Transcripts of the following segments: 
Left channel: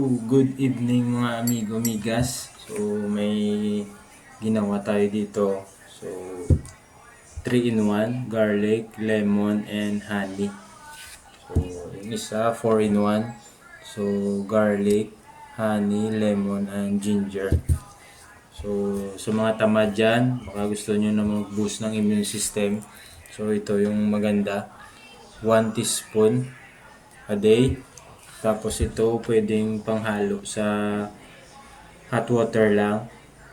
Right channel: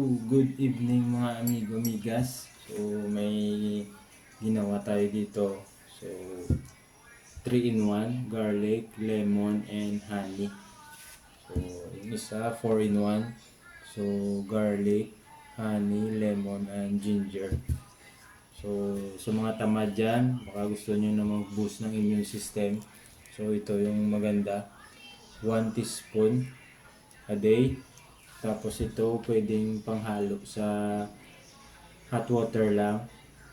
good evening mga amigo amigas. So may ginawa tayo dito. So 3 in 1, garlic, lemon, and honey. So yung isa 4 in 1. So garlic, honey, lemon, and ginger. So sa mga tamad dyan, baka gusto nyo na mag-boost ng immune system. So ito yung maganda. 1 teaspoon a day. Tapos ito pwedeng panghalo sa hot water lang.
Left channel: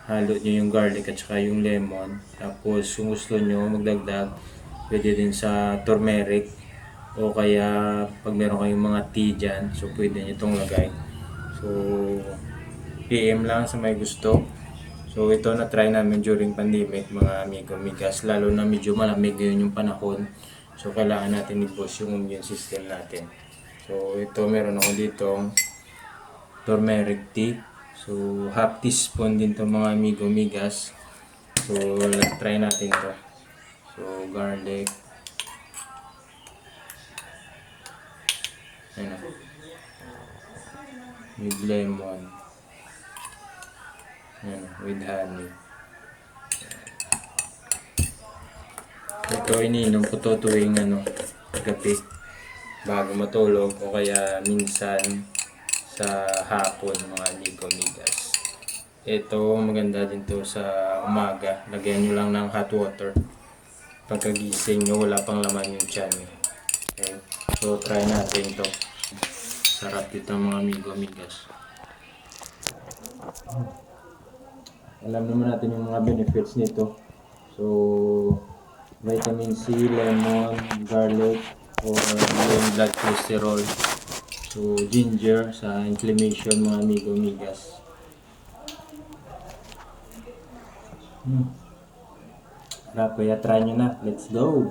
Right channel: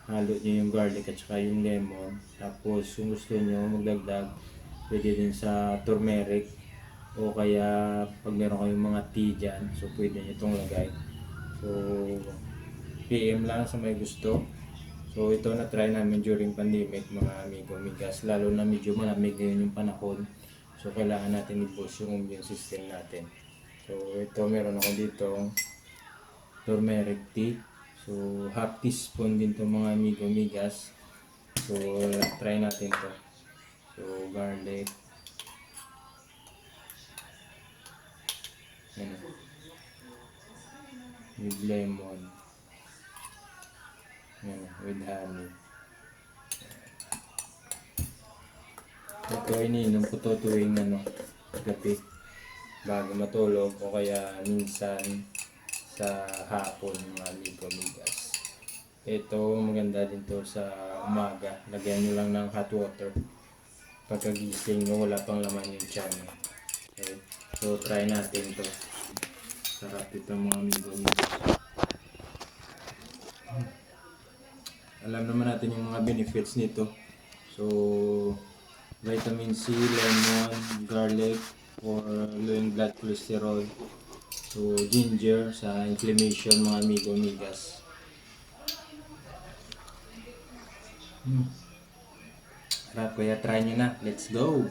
Halo nyo yung garlic at saka yung lemon. Tapos kung gusto nyo magdagdag, pwede din sa turmeric. O kaya pag meron kayong mga tea dyan, so pwede nyo itong lagay. So PM lang sa may gusto. So ito na try namin during pandemic mga amigo amigas. Lalo na medyo malamig ngayon yung panahon. So kailangan natin i-boost yung immune system natin. So ito meron ako dito turmeric tea. So half teaspoon din to mga amigo amigas. So try natin to. So garlic. Ayan. With lemon. Ayan. With honey. Ito iniinom ko to tuwing gabi bago matulog o kaya minsan sa hapon mga amigo amigas. Ito maganda din to sa umaga. Lagyan nyo lang ng hot water. Pagkagising nyo wala pang laman yung tiyan. Okay. So try natin to. Sarap dito mga amigo amigas. Alam naman natin yung mga benefits nito. So vitamin C, lemon, garlic, or yung blood cholesterol. So ginger sa inflammation mga amigo amigas. Sarap, kaya try nyo na. Let's go!